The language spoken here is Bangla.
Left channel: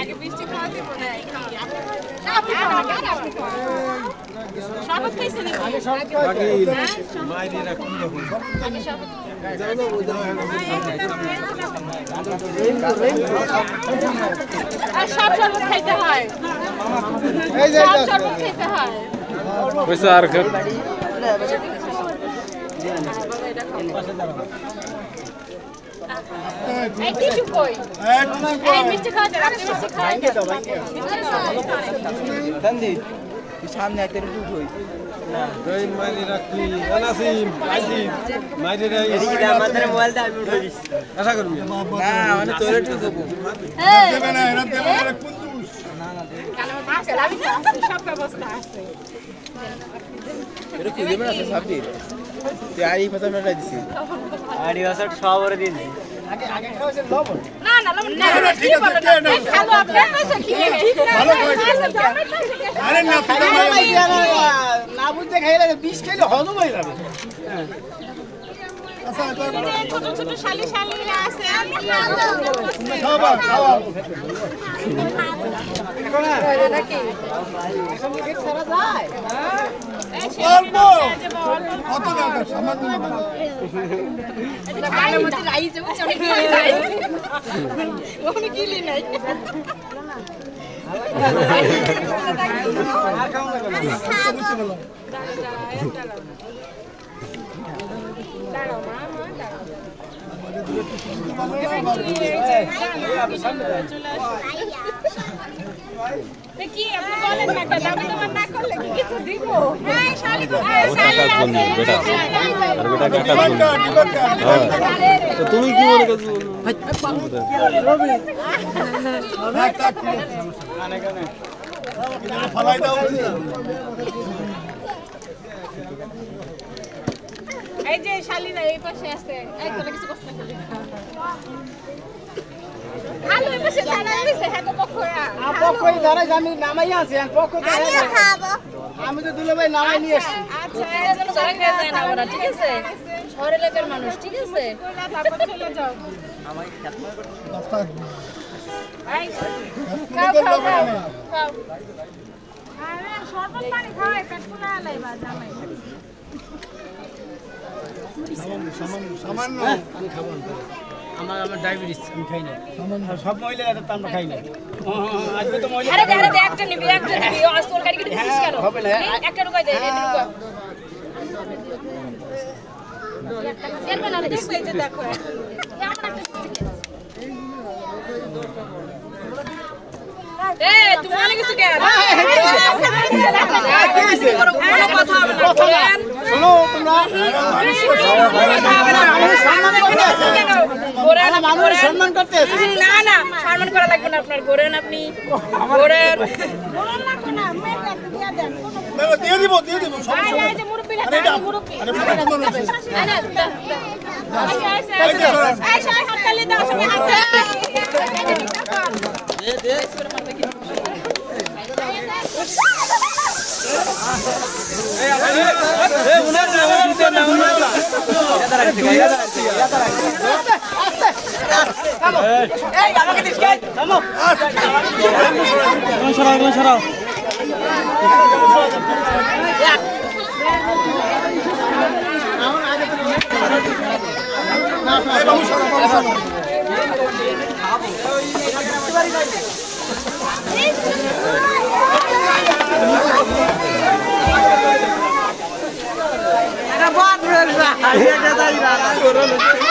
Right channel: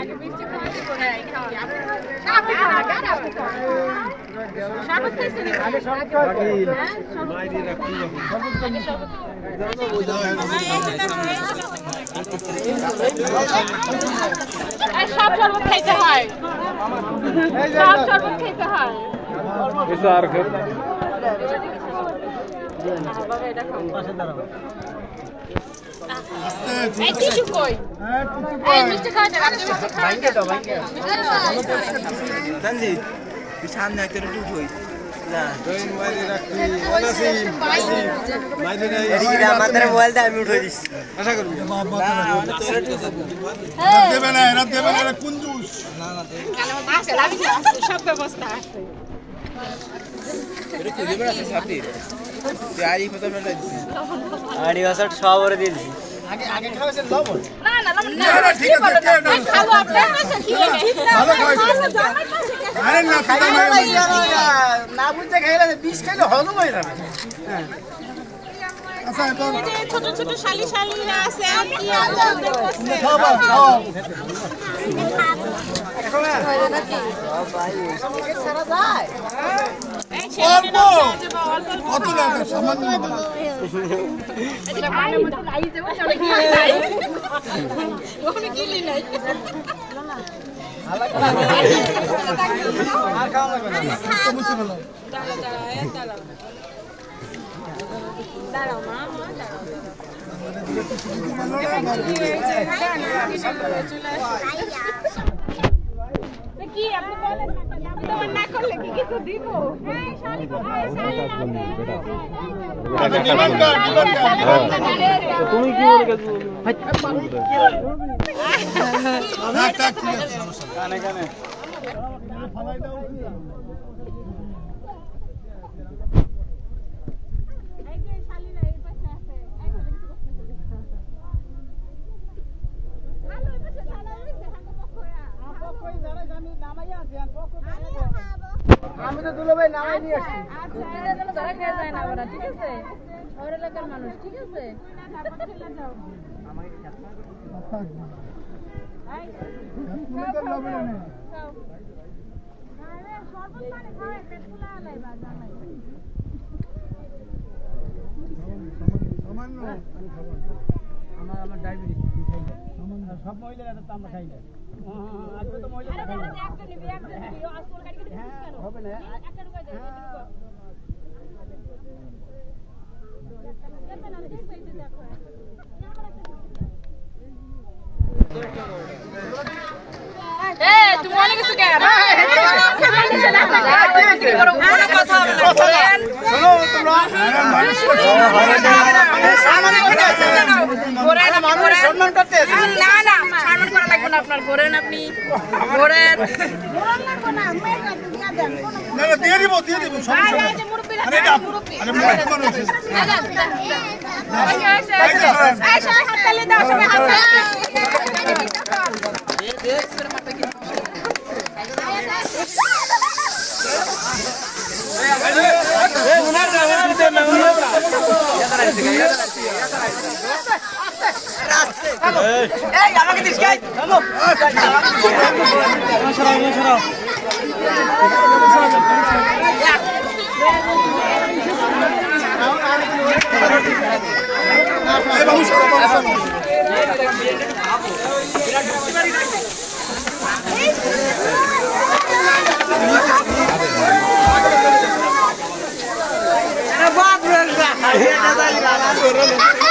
আগে মিষ্টি খাওয়া দেব না শরবত খাইছেন আগে শরবত আগে মাইরিনা কোন আগে শরবত আর সব শরবত খাইতে হয় সব শরবত খাইতে হয় পয়সা আর কর পাশে দাঁড়াও এই টিস্যু কই এই মিষ্টি খাওয়া যায় আপনি মিষ্টি খাওয়া তনজিৎ তুই সামনে আইতে একটু উঠোই না জয়েন মাইরে রাখি ওনাসিম মাইরে রাখি এদিকে আমাদের মোবাইল দা আমি উঠে দিস আশা করবি না মানে তোরে তো দেবে না কুঞ্জুস না দে কালো আছে লাগি সব ব্যবস্থা আছে তোরে কি দেবে না সাপির তুই আই কথা মেলাই দিছি গাড়ি ওসব সব ওরে দিয়ে দিছি আগে খাওয়াছেন লবণ না লবণ না ঠিক বলে না খালো আপনি কাছে কি ভালো খাইছেন আরে না না বুঝতে খাইলে 20 কিলো হজম হয়ে যাবে আচ্ছা ছোট ছোট শালিরা আছে খাওয়া নাকি মুখে ছাড়া যায় অল্প কত টাকা সামান্য এদিকে কানের মধ্যে রাই যাবে অনেক ওখানে কিলি নাই আর খাওয়া না দাঁড়াও মামা দাঁড়াও কি আপনি বলেন না কেন আমি তোমার না করলে কি কিছু দিব হ্যাঁ শালি তো তুমি কি মনে করছো কানে কানে ফলাই দাও এই যে শালিরা এই পাশে আছে একদম কিছু কষ্ট না হ্যালো এই পাশে দাঁড়ায় আছে হ্যাঁ তো পক্ষরা পক্ষই দাঁড়াই আমি নামাই আছি পক্ষ আমি খাবো আমি তো দুলে ভাই নামাই নিয়ে আসছি আচ্ছা এর জন্য চলে যায় না ওরা ঠিক আছে শহরের এলাকার মানুষ ঠিক আছে তারপর চলে যাও আমার খেত এই খাও আরে শরবত পানি খাওয়াই পেট ফুলা লাইবা জামাই সামান্য আমি খাবো আমার ডায়াবেটিস আমি খাই না সব মহিলা এটা তো আমরা খাই না আজকে তো মহিলা আরে একটা নিবি আজ তোর গাড়ি কেটে দিছিস কেন হবে না একটা ঢুকাই দে এটা ঢুকা দেখবে না দেখো এই যে দেখো এই তুমি অনেক কিছু কেন কোনো কথা হবে না শোনো তোমরা সম্মান করতে না সম্মান করা লাগবে না আপনার ঘোরেন আপনি ঘোরেন দিয়ে দিব মুরব্বী Aduh,